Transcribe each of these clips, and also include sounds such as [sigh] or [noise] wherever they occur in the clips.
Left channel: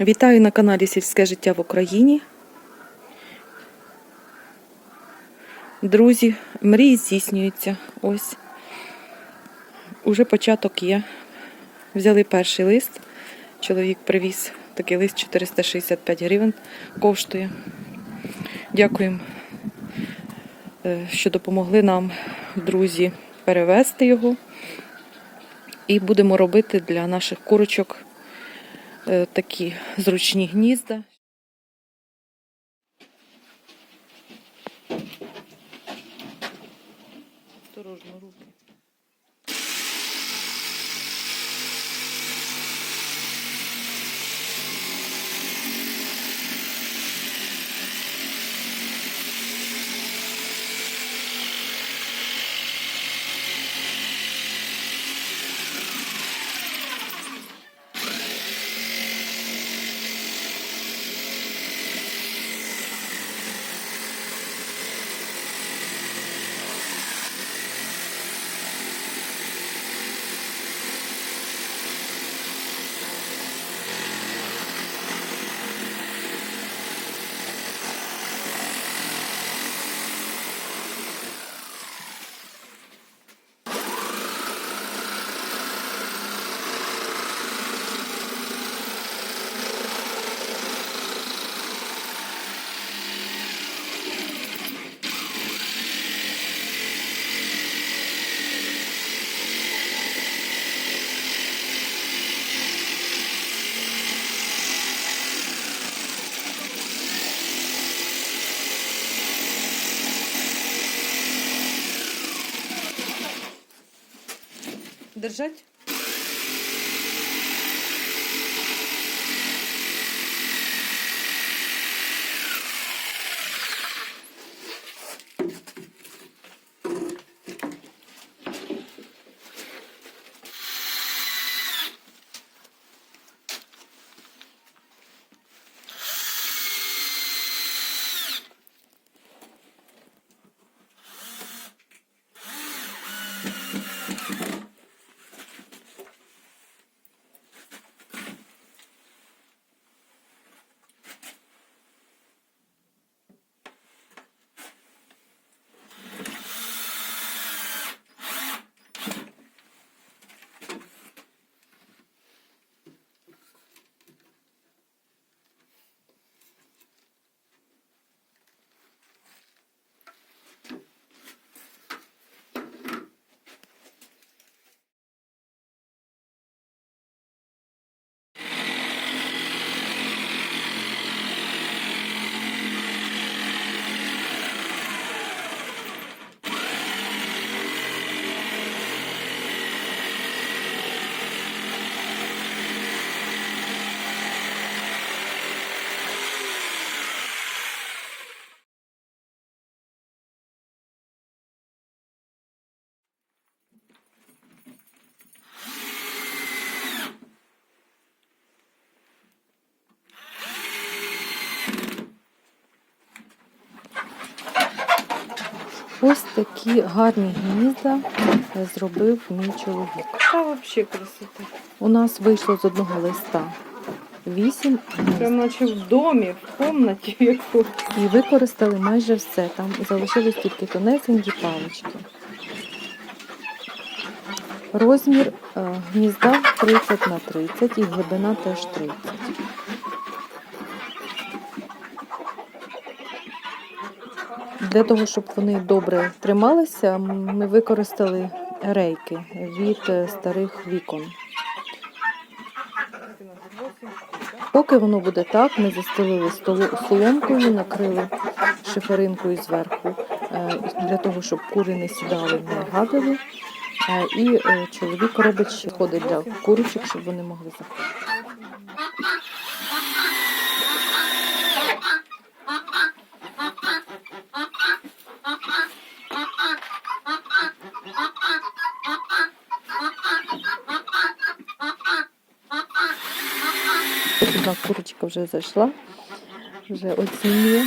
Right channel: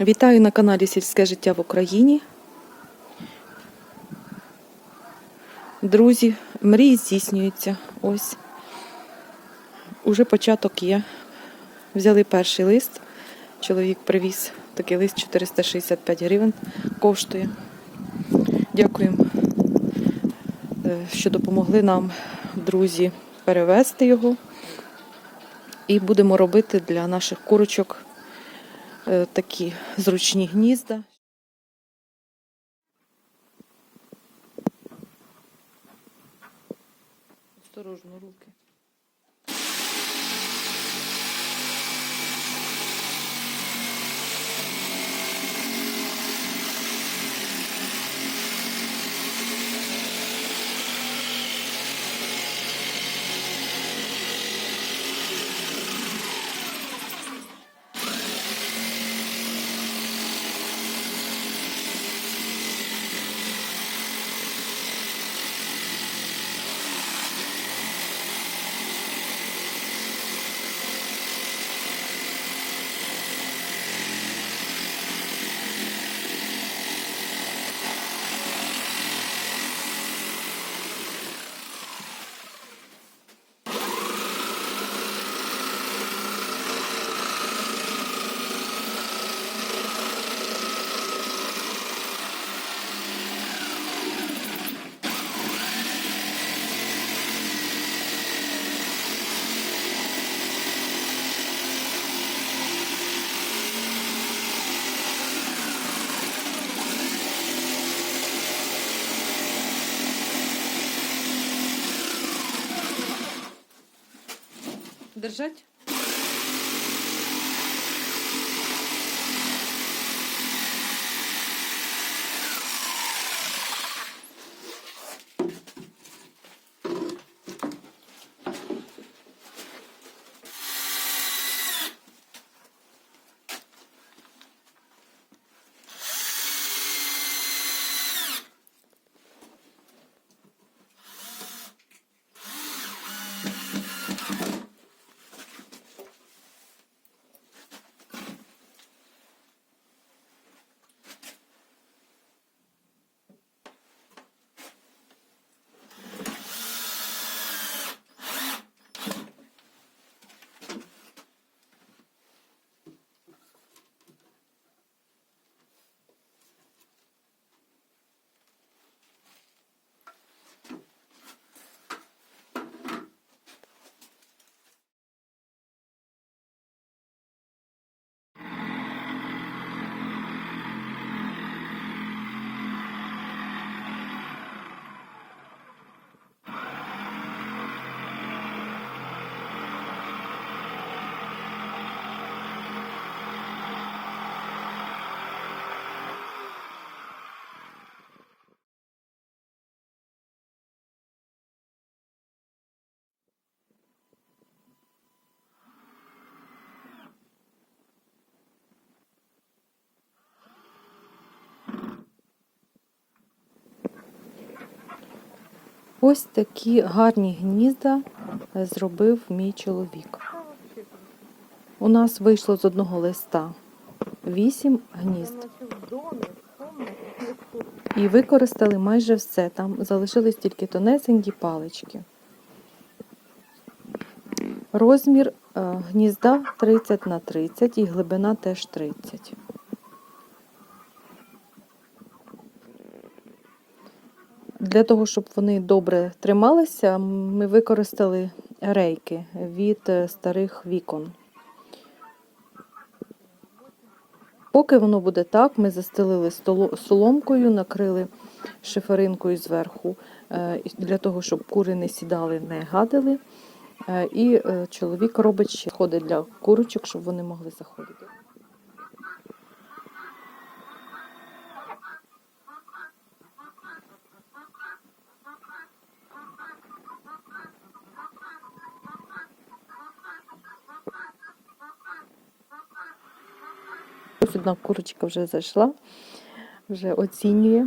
Вітаю на каналі Сільське життя в Україні. Друзі, мрії здійснюються. Ось. Уже початок є. Взяли перший лист. Чоловік привіз такий лист 465 гривень коштує. Дякуємо, е, що допомогли нам, друзі, перевезти його. І будемо робити для наших курочок такі зручні гнізда. Осторожно руки. Держать? Ось такі гарні гнізда зробив мій чоловік. Та взагалі красота. У нас вийшло з одного листа вісім Прям гнізд. наче в домі, в кімнаті яку. І використали майже все. Там залишились тільки тонесенькі палички. Розмір е, гнізда 30 на 30 і глибина теж 30. Для того, щоб вони добре трималися, ми використали рейки від е, старих вікон. Поки воно буде так, ми застелили соломкою, накрили шиферинкою зверху, е, для того, щоб кури не сідали, не гадили. Е, І чоловік робить ще ходи для курочок, щоб вони могли заходити. Одна курочка вже зайшла, вже оцінює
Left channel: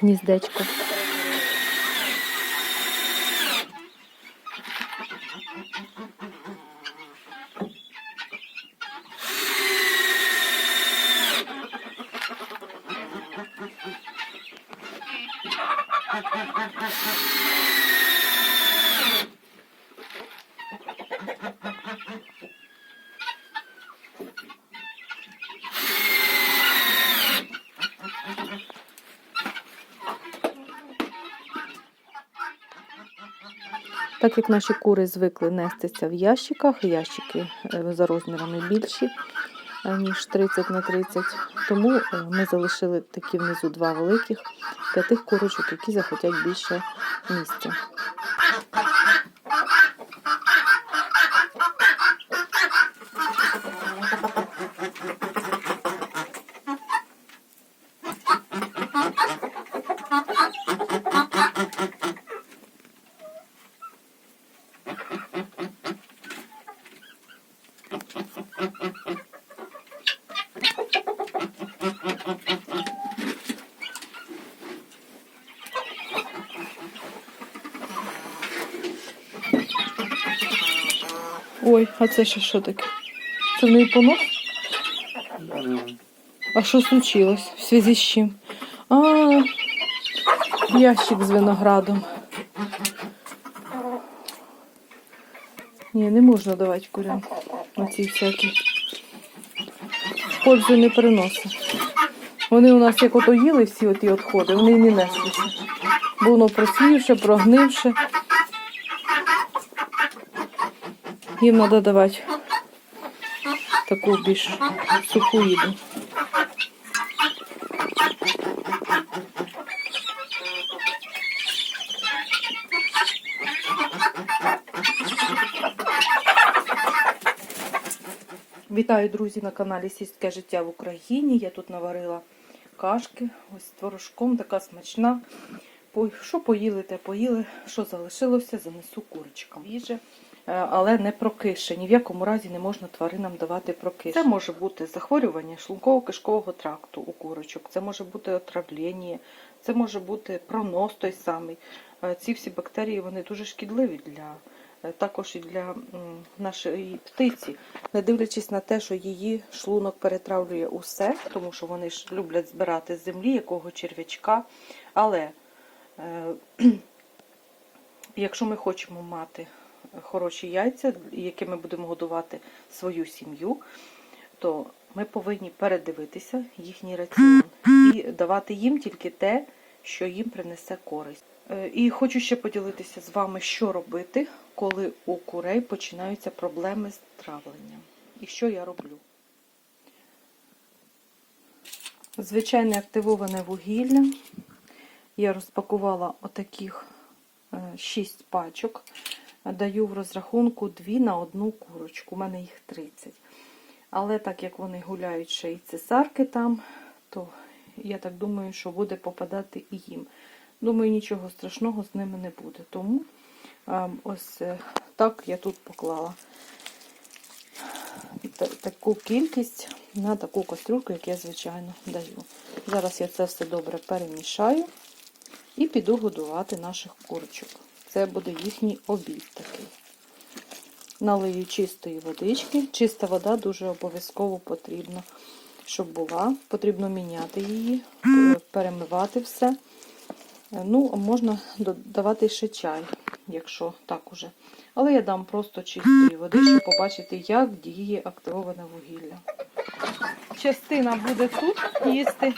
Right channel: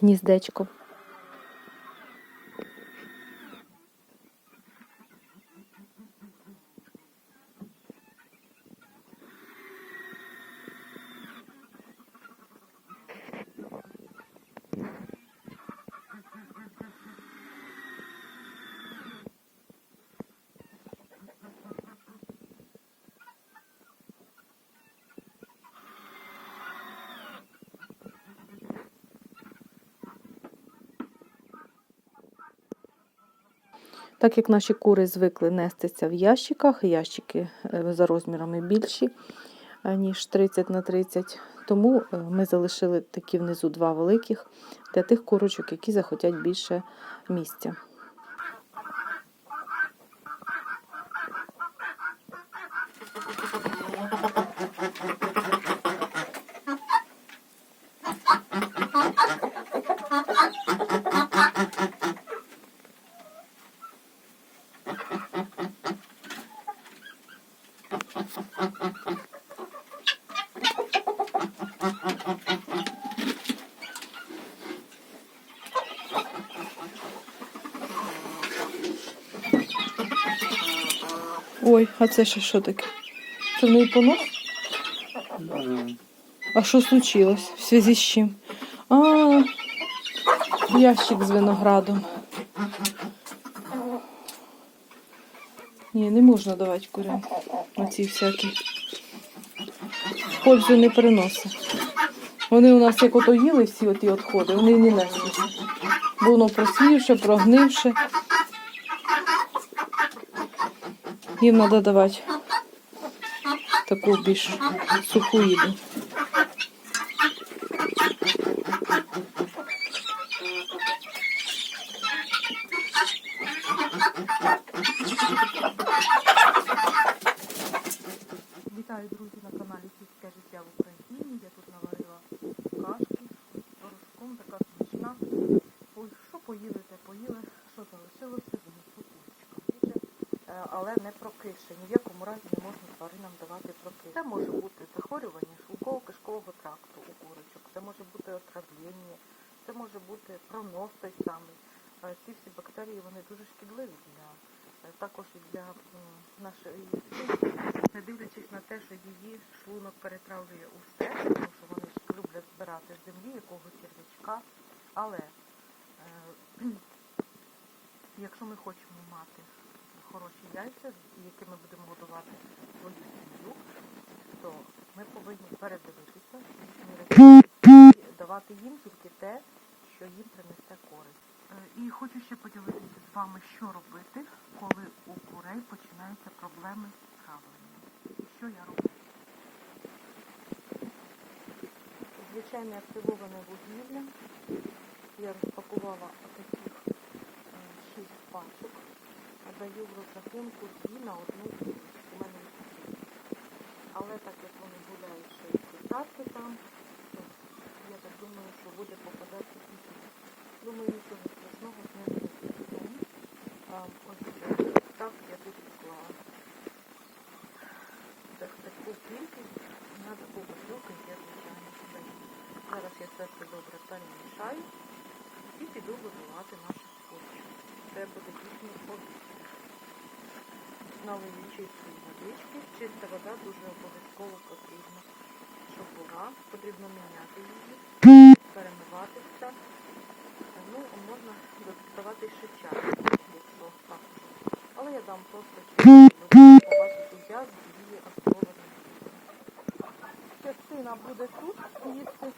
гніздечко. Так як наші кури звикли нестися в ящиках, ящики е, за розмірами більші, е, ніж 30 на 30, тому е, ми залишили такі внизу два великих для тих курочок, які захотять більше місця. А це ще що таке? Це в неї понос? А що случилось? В зв'язку з чим? А, ящик з виноградом. Ні, не можна давати курям. Оці всякі. Пользу не приносить. Вони у нас як ото їли всі оті відходи, вони не неслися. Бо воно просівше, прогнивше. Їм треба давати таку більш суху їду. Вітаю, друзі, на каналі Сільське життя в Україні. Я тут наварила кашки, ось з творожком, така смачна. Що поїли, те поїли. Що залишилося, занесу курочкам. Їжа, е, але не прокише. Ні в якому разі не можна тваринам давати прокише. Це може бути захворювання шлунково-кишкового тракту у курочок, це може бути отравлення, це може бути пронос той самий. Е, Ці всі бактерії вони дуже шкідливі для е, також і для нашої птиці, не дивлячись на те, що її шлунок перетравлює усе, тому що вони ж люблять збирати з землі якого черв'ячка. Але [clears throat] якщо ми хочемо мати хороші яйця, якими будемо годувати свою сім'ю, то ми повинні передивитися їхній раціон і давати їм тільки те, що їм принесе користь. Е, І хочу ще поділитися з вами, що робити, коли у курей починаються проблеми з травленням. І що я роблю. Звичайне активоване вугілля. Я розпакувала отаких 6 пачок. Даю в розрахунку 2 на одну курочку. У мене їх 30. Але так як вони гуляють ще й цесарки там, то я так думаю, що буде попадати і їм. Думаю, нічого страшного з ними не буде. Тому ось е, так я тут поклала таку кількість на таку кастрюльку, як я звичайно даю. Зараз я це все добре перемішаю і піду годувати наших курочок. Це буде їхній обід такий. Налию чистої водички. Чиста вода дуже обов'язково потрібна, щоб була. Потрібно міняти її, перемивати все. Ну, можна додавати ще чай, якщо так уже. Але я дам просто чистої води, щоб побачити, як діє активоване вугілля. Частина буде тут їсти,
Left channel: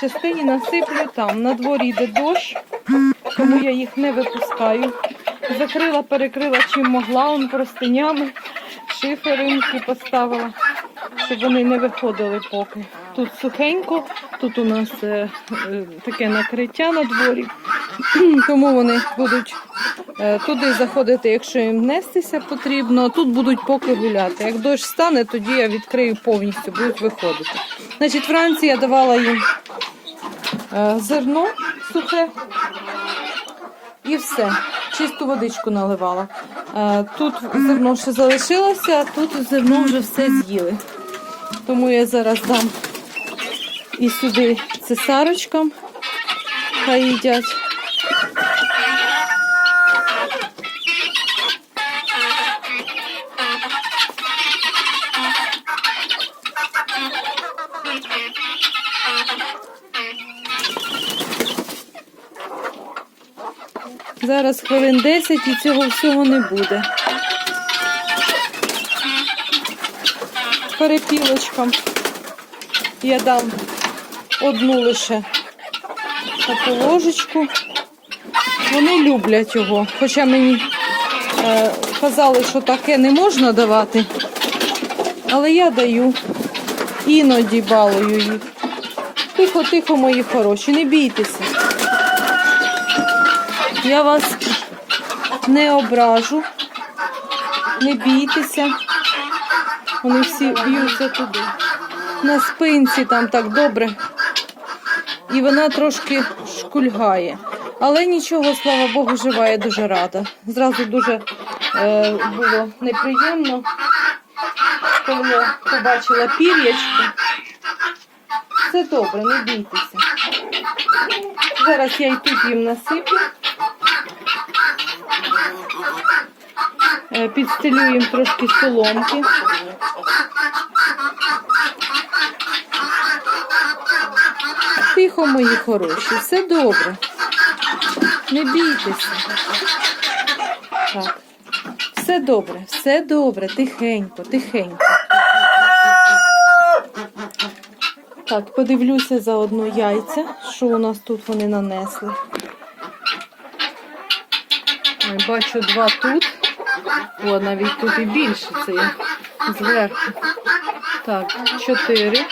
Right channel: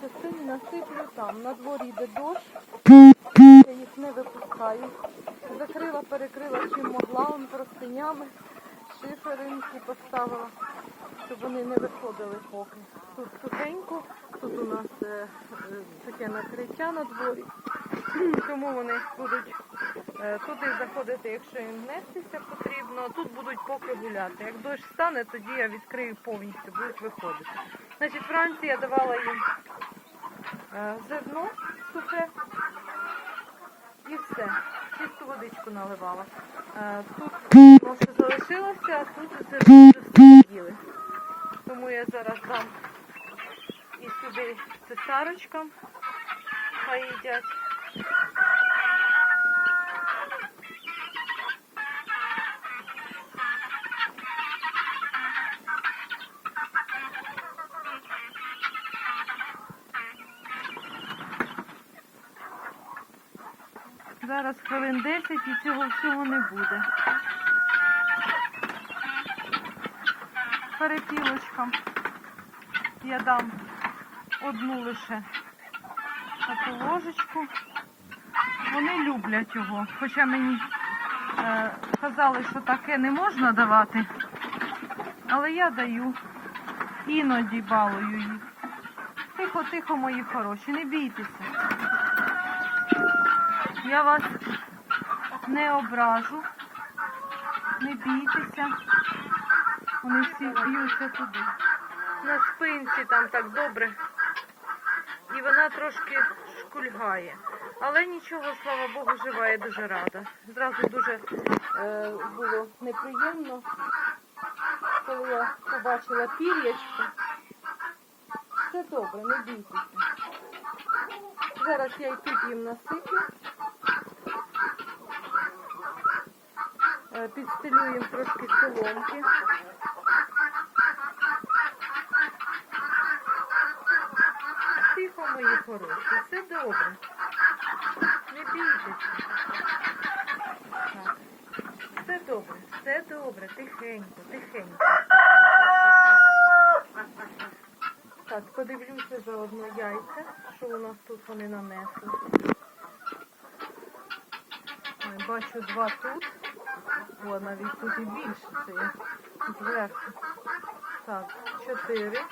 частині насиплю там. На дворі йде дощ, я їх не випускаю. Закрила, перекрила чим могла, он простинями, шиферинки поставила, щоб вони не виходили поки. Тут сухенько, тут у нас е, е, таке накриття на дворі, тому вони будуть е, туди заходити, якщо їм нестися потрібно. Тут будуть поки гуляти. Як дощ стане, тоді я відкрию повністю, будуть виходити. Значить, я давала їм е, зерно сухе і все. Чисту водичку наливала. Е, Тут зерно ще залишилося, а тут зерно вже все з'їли. Тому я зараз дам і сюди цесарочкам, хай їдять. Зараз хвилин 10 і цього всього не буде. Перепілочкам я дам одну лише таку ложечку. Вони люблять його, хоча мені е, казали, що таке не можна давати. Але я даю. Іноді балую їх. Тихо, тихо, мої хороші, не бійтеся. Я вас не ображу. Не бійтеся. Вони всі б'ються туди. На спинці там так добре. І вона трошки шкульгає. Але нічого, слава Богу, жива, я дуже рада. Зразу дуже е, було неприємно, коли побачила пір'ячко. Все добре, не бійтеся. Зараз я і тут їм насиплю. Е, Підстелю їм трошки соломки. Тихо, мої хороші, все добре. Не бійтеся. Так. Все добре, все добре, тихенько, тихенько. Так, подивлюся заодно яйця, що у нас тут вони нанесли. Бачу два тут. О, навіть тут і більше це я зверху. Так, чотири.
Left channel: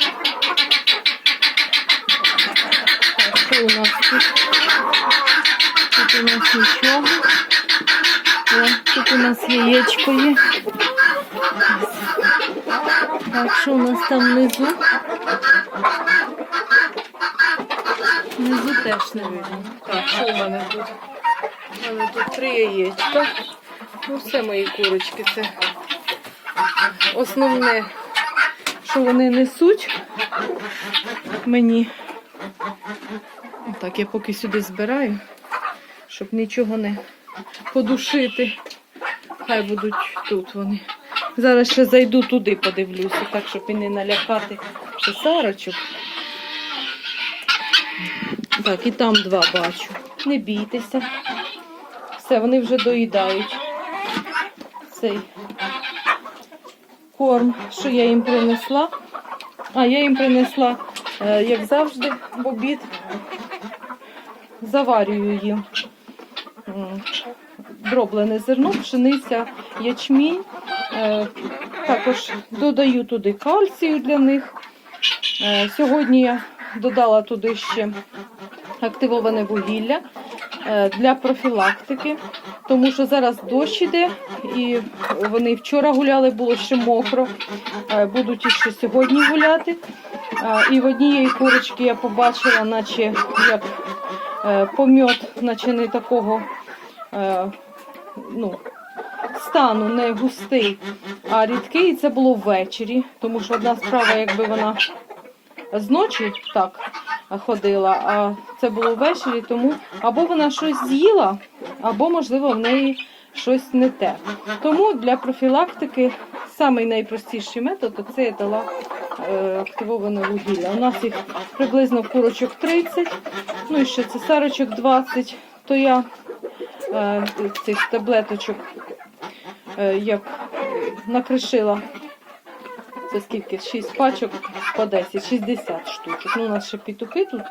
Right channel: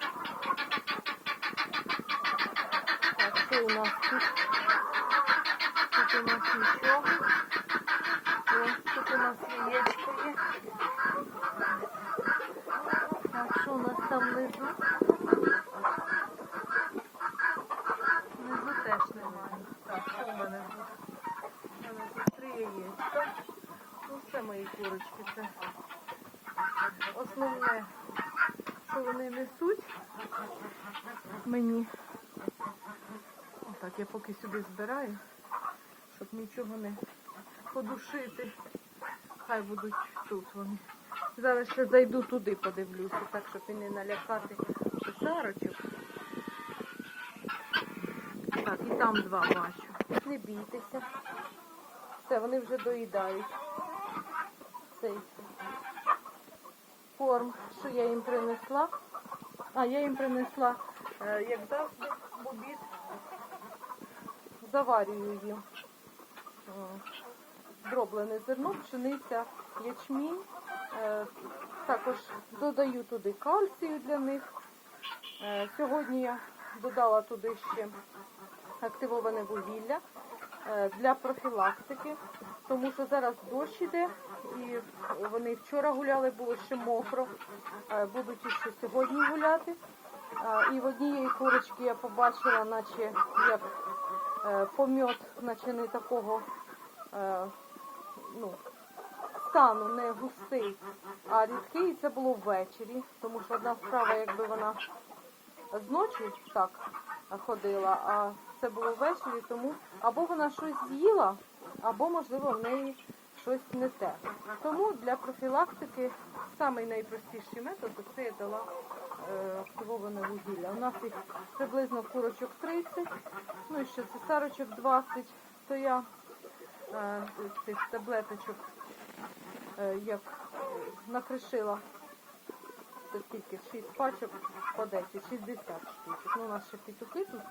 Так, що у нас тут? Тут у нас нічого. О, тут у нас яєчко є. Так, що у нас там внизу? Внизу теж не видно. Так, що у мене тут? У мене тут три яєчка. Ну, все мої курочки, це основне, що вони несуть мені. Так, я поки сюди збираю, щоб нічого не подушити. Хай будуть тут вони. Зараз ще зайду туди, подивлюся, так, щоб і не налякати писарочок. Так, і там два бачу. Не бійтеся. Все, вони вже доїдають цей корм, що я їм принесла. А, я їм принесла, е, як завжди, в обід. Заварюю їм дроблене зерно, пшениця, ячмінь. Е, Також додаю туди кальцію для них. Е, Сьогодні я додала туди ще активоване вугілля для профілактики, тому що зараз дощ іде, і вони вчора гуляли, було ще мокро, е, будуть іще сьогодні гуляти. Е, І в однієї курочки я побачила, наче як е, помьот, наче не такого ну, стану, не густий, а рідкий. І це було ввечері, тому що одна справа, якби вона зночі так ходила, а це було ввечері, тому або вона щось з'їла, або, можливо, в неї щось не те. Тому для профілактики самий найпростіший метод це я дала е, активоване вугілля. У нас їх приблизно курочок 30, ну і ще цесарочок 20, то я е, цих таблеточок е, як накришила це скільки? 6 пачок по 10, 60 штучок. Ну, у нас ще петухи тут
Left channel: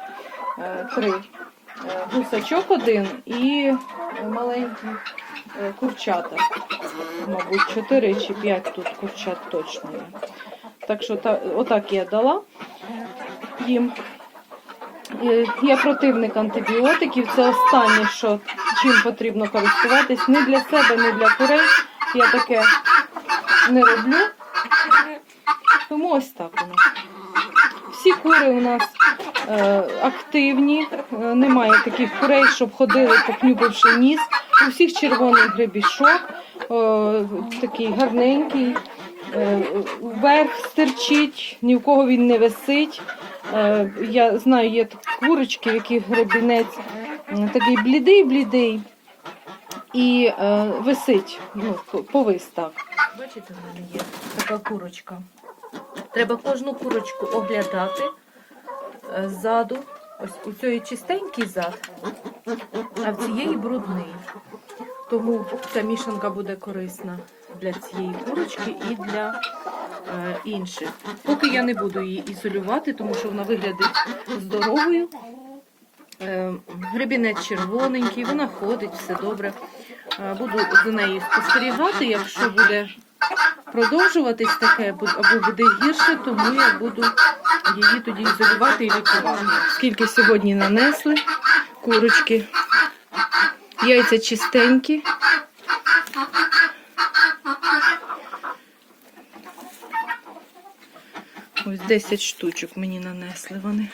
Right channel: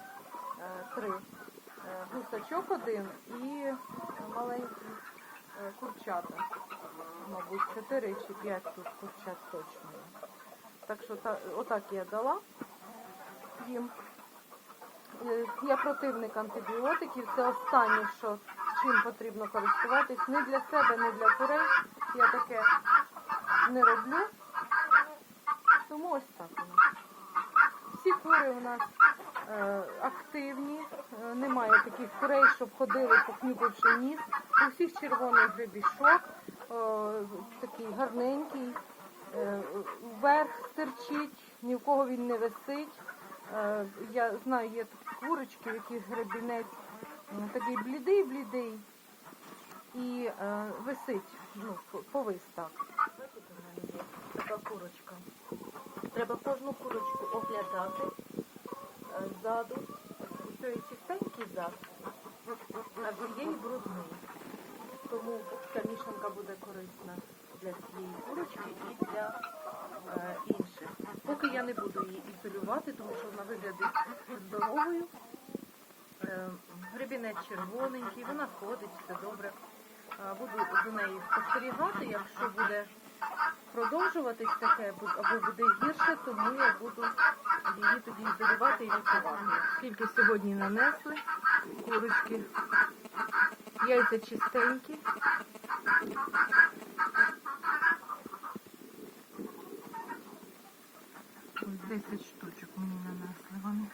е, три. Е, Гусачок один і маленькі е, курчата. Мабуть, 4 чи 5 тут курчат точно є. Так що та, отак я дала їм. Я противник антибіотиків. Це останнє, що чим потрібно користуватись. Не для себе, не для курей. Я таке не роблю. Тому ось так у нас. Всі кури у нас е, активні, е, немає таких курей, щоб ходили, покнюпивши ніс. У всіх червоний гребішок, е, такий гарненький, е, вверх стирчить, ні в кого він не висить. Е, я знаю, є курочки, в яких гребінець м, такий блідий-блідий і е, висить, ну, повис так. Бачите, в мене є така курочка. Треба кожну курочку оглядати е, ззаду. Ось у цієї чистенький зад, а в цієї брудний. Тому ця мішанка буде корисна для цієї курочки і для е, інших. Поки я не буду її ізолювати, тому що вона виглядить здоровою. Е, гребінець червоненький, вона ходить, все добре. Е, Буду за нею спостерігати. Якщо буде продовжуватись таке або буде гірше, тому я буду її тоді ізолювати і лікувати. Скільки сьогодні нанесли курочки, яйця чистенькі. Ось 10 штучок мені нанесли вони.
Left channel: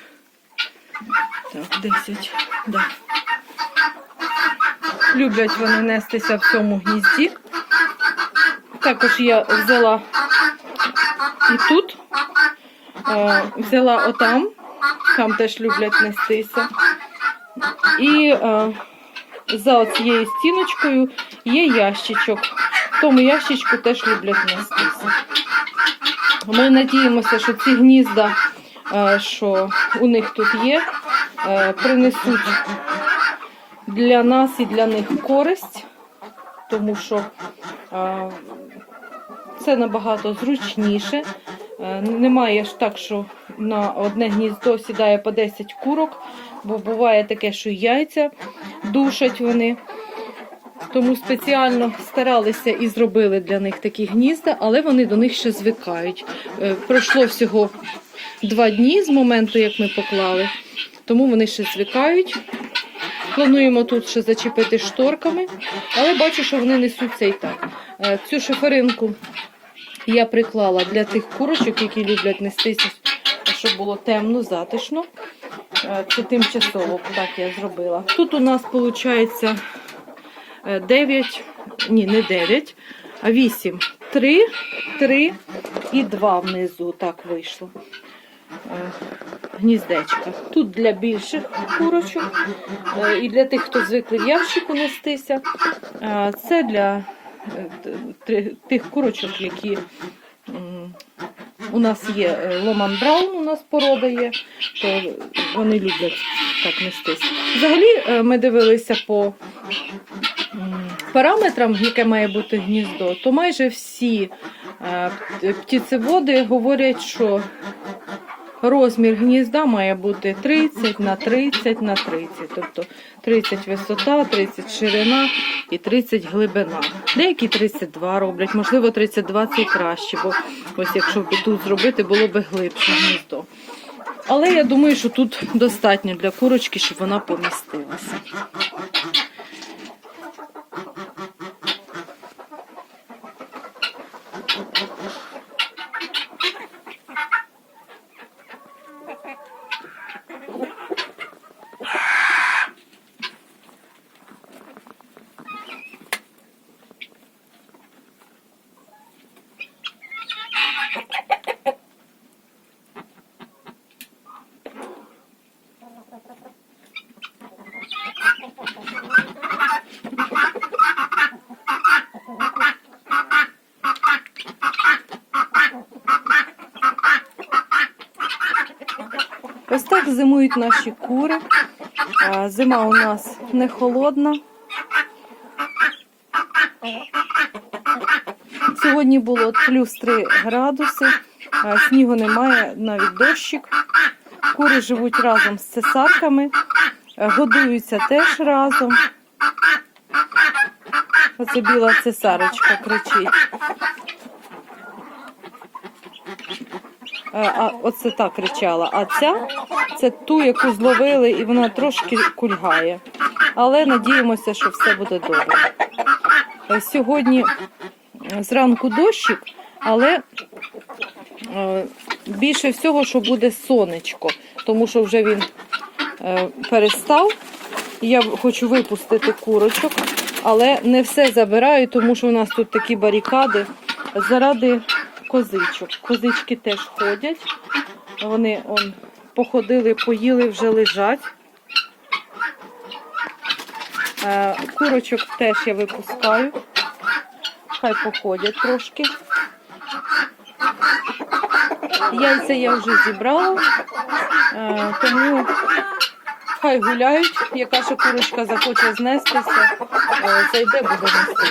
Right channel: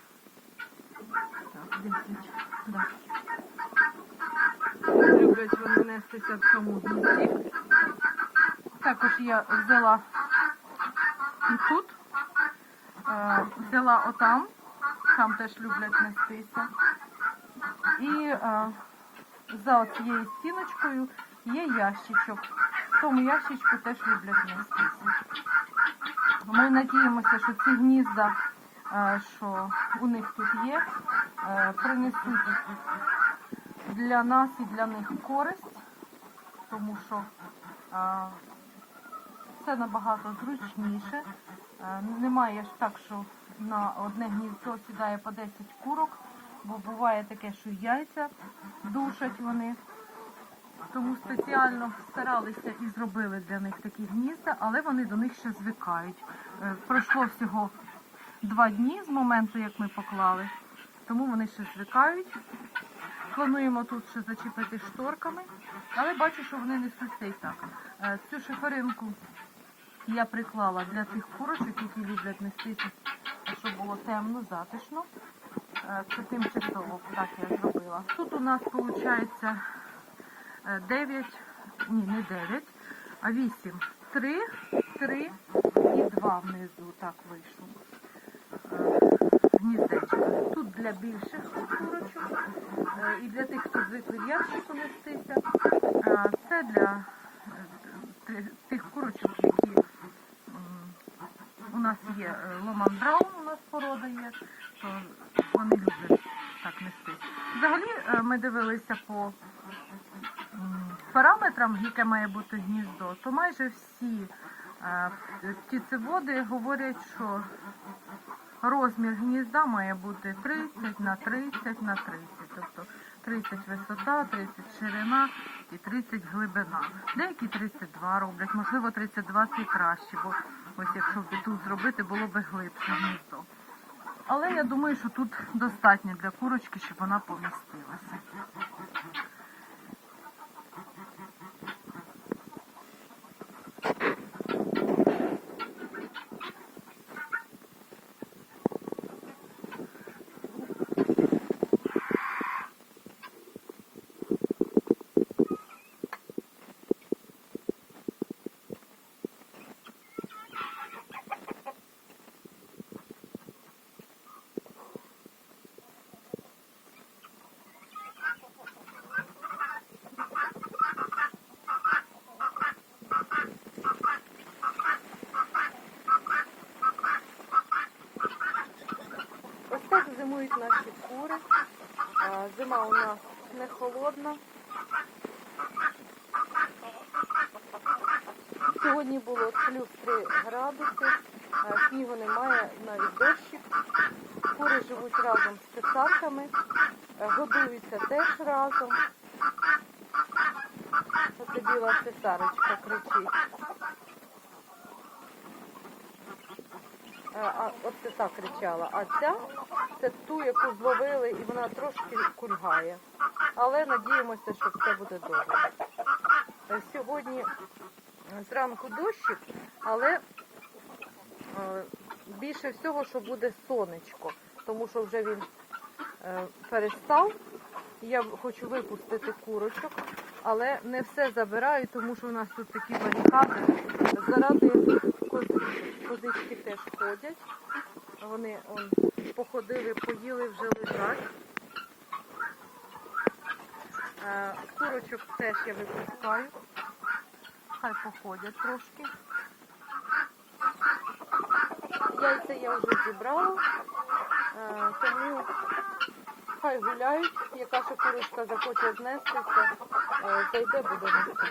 Так, 10, да. Люблять вони нестися в цьому гнізді. Також я взяла і тут, е, взяла отам, там теж люблять нестися. І е, за цією стіночкою є ящичок. В тому ящичку теж люблять нестися. Ми надіємося, що ці гнізда, е, що у них тут є, принесуть для нас і для них користь, тому що це набагато зручніше. Е, Немає ж так, що на одне гніздо сідає по 10 курок, бо буває таке, що яйця душать вони. Тому спеціально старалися і зробили для них такі гнізда, але вони до них ще звикають. Е, Пройшло всього два дні з моменту, як ми поклали, тому вони ще звикають. Плануємо тут ще зачепити шторками, але бачу, що вони несуться і так. Е, Цю шиферинку я приклала для тих курочок, які люблять нестися, щоб було темно, затишно. Е, Це тимчасово так я зробила. Тут у нас виходить 9, ні, не 9, а 8. 3, 3 і 2 внизу так вийшло. Гніздечка. Тут для більших курочок е, і для тих, хто звикли в ящику нестися. Це для е, тих курочок, які у нас є е, Ломан Браун, у нас порода є, то вони люблять так нестись. Взагалі ми дивилися по параметрам, яке має бути гніздо, то майже всі птицеводи говорять, що розмір гнізда має бути 30 на 30 на 30. Тобто 30 висота, 30 ширина і 30 глибина. Деякі 32 роблять, можливо, 32 це краще, бо ось якщо б тут зробити, було б глибше гніздо. Але я думаю, що тут достатньо для курочки, щоб вона помістилася. Ось так зимують наші кури. Зима у нас не холодна. Сьогодні було плюс 3 градуси, снігу немає, навіть дощик. Кури живуть разом з цесарками, годуються теж разом. Оце біла цесарочка кричить. А оце так кричала. А ця це ту, яку зловили, і вона трошки кульгає. Але надіємося, що все буде добре. Е, Сьогодні е, зранку дощик, але е, більше всього, що буде сонечко, тому що вже він перестав. Я хочу випустити курочок, але не все забираю, тому що у нас тут такі барикади заради козичок. Козички теж ходять. Вони он, походили, поїли, вже лежать. Е, Курочок теж я випускаю. Хай походять трошки. Яйця я вже зібрала, е, тому хай гуляють. Яка ще курочка захоче знестися, е, зайде, буде нести.